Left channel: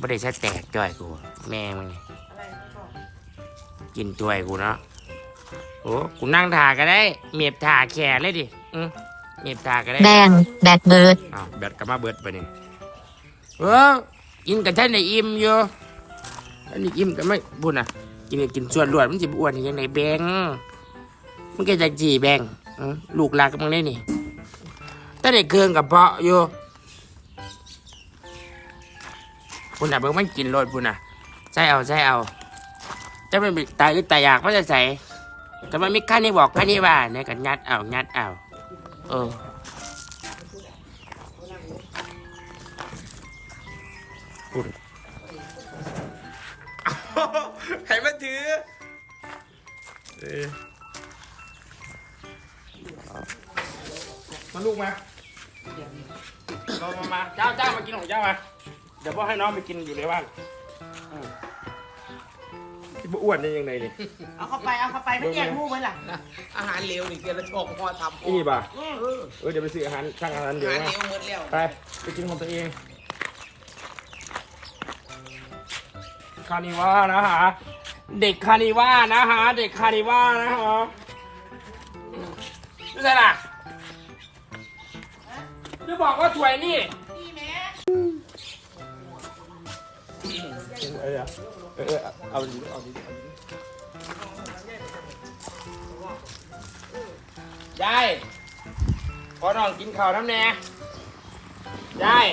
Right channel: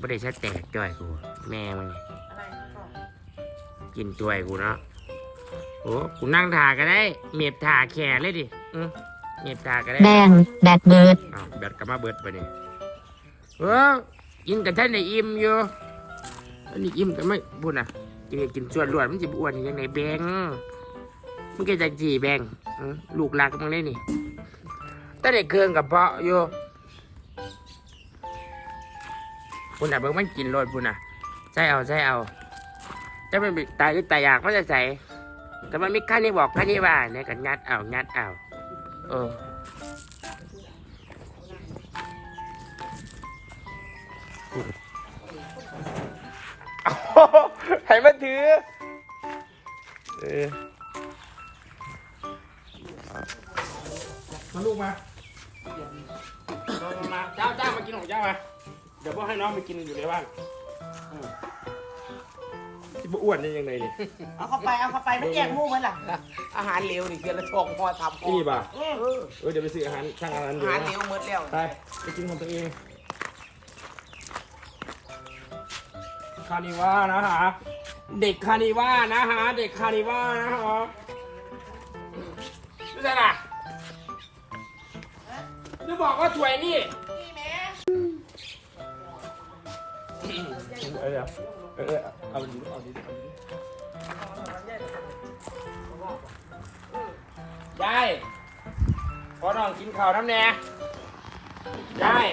บ่ได้ใช้แตกจ่อยกู แม่มึงนี่กินตัวยกูเนาะโอ้กูนั่งถ่าก็ได้ เมียบถ่าแขนเลยดิอืมเมียบถ่าก็ได้แบงแบดเบิร์ดอ้าวแบตก็มาเบิดไปนี่เออกินกับท่านในอิ่มอยู่อันนี้อิ่มกันไม่บุญอะกินก็กินส่วนรวดมันจะอ้วนยังไงแบงมันก็จะจีแบงอืมลูกหลานกับมึงได้นี่ถ้าได้เครื่องกับเพาะอยู่ บุญอะเบิ่งมันกินรดบุญอะใช่เอาใช่เอาจะไม่มีตายอึดตายอยากมันจะใส่แต่มันไม่ขั้นนี่บอกขั้นนี่ว่าเนี่ยกันยัดเอายัดเอาเออให้มาถือเออมาลูกมามา มา มาเจ้าเจ้ามากินของเจ้ามาเดี๋ยวพ่อให้น้องไปกินอยู่ในบ้านอืมที่บ่อ้วนได้ยังไงนี่เอาเข้าไปเอาเข้าไปไม่แยกหมูไว้ล่ะอาหารเร็วนี่แกละชงพอทำนี่ป่ะอืมเออเดี๋ยวไปซื้ออาหารช่างอาหารเดี๋ยวอาหารนะเร็วหมดแล้วไปไปกินของตัวเองคานิว่านะฮะเด็กคานิว่านะฮะเด็กคานิว่านะฮะไม่ใช่ล่ะจะบอกว่าถวยนี่ เออเออเอาดีเอาดีเอาดียายขอน้องกินข้าวน้ำแน่ยาย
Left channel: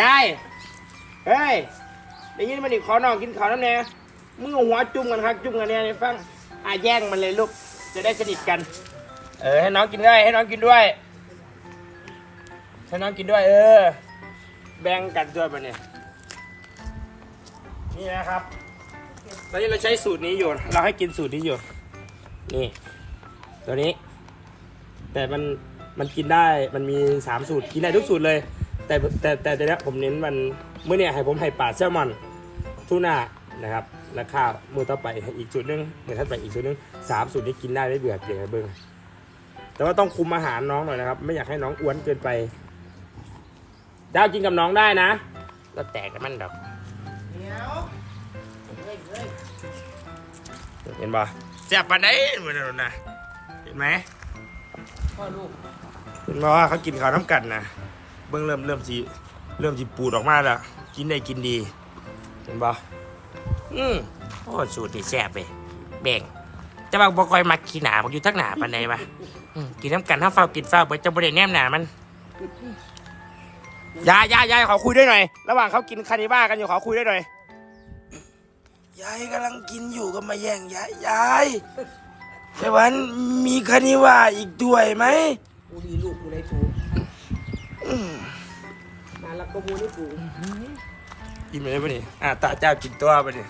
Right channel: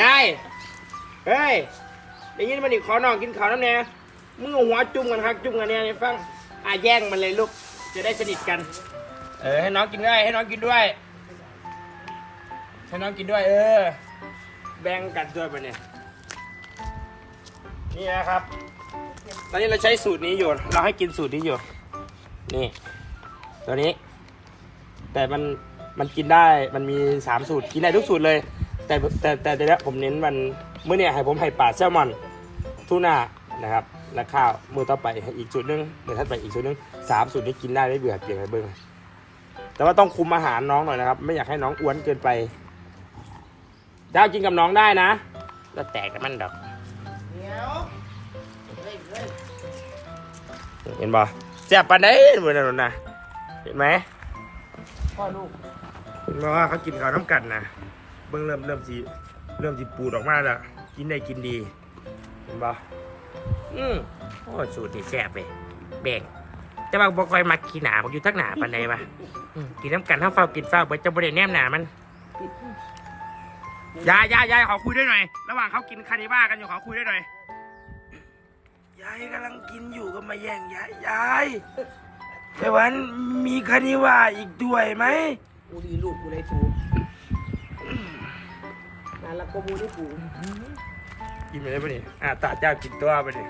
ยายเฮ้ยได้ยินมันอีกขอน้องกินข้าวน้ำแน่มึงเอาหัวจุ่มกันครับจุ่มกันเนี่ยในฟังอะแย่งมันเลยลูกจะได้สนิทกัน เออให้น้องกินด้วยให้น้องกินด้วยให้น้องกินด้วย เออ แบ่งกันด้วยมาเนี่ยนี่นะครับตอนนี้เราใช้สูตรนี้อยู่ เราให้กินสูตรนี้อยู่ นี่ ตัวนี้ แต่มันมันกินได้มันมีสามสูตรกินได้ทุกสูตรเลย แต่แต่แต่แต่เนี้ยผมเน้นมันเมื่อเนี่ยให้ผมให้ปลาแซลมอนทูน่านะครับและข้าวมือต่อไปอีกสูตรหนึงเดี๋ยวถ้าไปอีกสูตรหนึงสามสูตรนี้กินได้ไม่เบื่อเดี๋ยวให้เบิ้งแต่ว่าต้องคุมอาหารน้องหน่อยนะครับ ไม่อยากให้น้องอ้วนเกินไป ดากินกับน้องได้นะ แล้วแตกกันมันดอกเดี๋ยวเฮ้ยเฮ้ยเห็นบ่แซ่บปานไหนเหมือนนั่นนะเห็นไหมพ่อลูกเห็นไหมว่าเขากินข้าวน้ำกันนะเบิ่งเริ่มเริ่มสีเริ่มสีปูดออกมาแล้วกินได้กินดี เห็นบ่อืมโอ้สูตรนี่แซ่บเลยแบ่งแต่ว่าบ่คอยมักขี้หนาบ่อยู่ทักหนาปานใดวะอืมกินน้ำกันถ้าเฝ้ากินเฝ้าเบิดจะบ่ได้แนมหนามัน ยายยายยายขอคุยด้วยหน่อย ระหว่างเขากินคานิบ้ากันอยู่ขอคุยด้วยหน่อย ยายกำลังกินอยู่ก็มาแย่งยายยายแต่วันมีคานิว่าอีกด้วยไหมกูดีลูกกูได้ถูกมาแล้วก็มูได้ถูกอิ่มเลยปะนี่อะตาเจ้ากินตัวปะนี่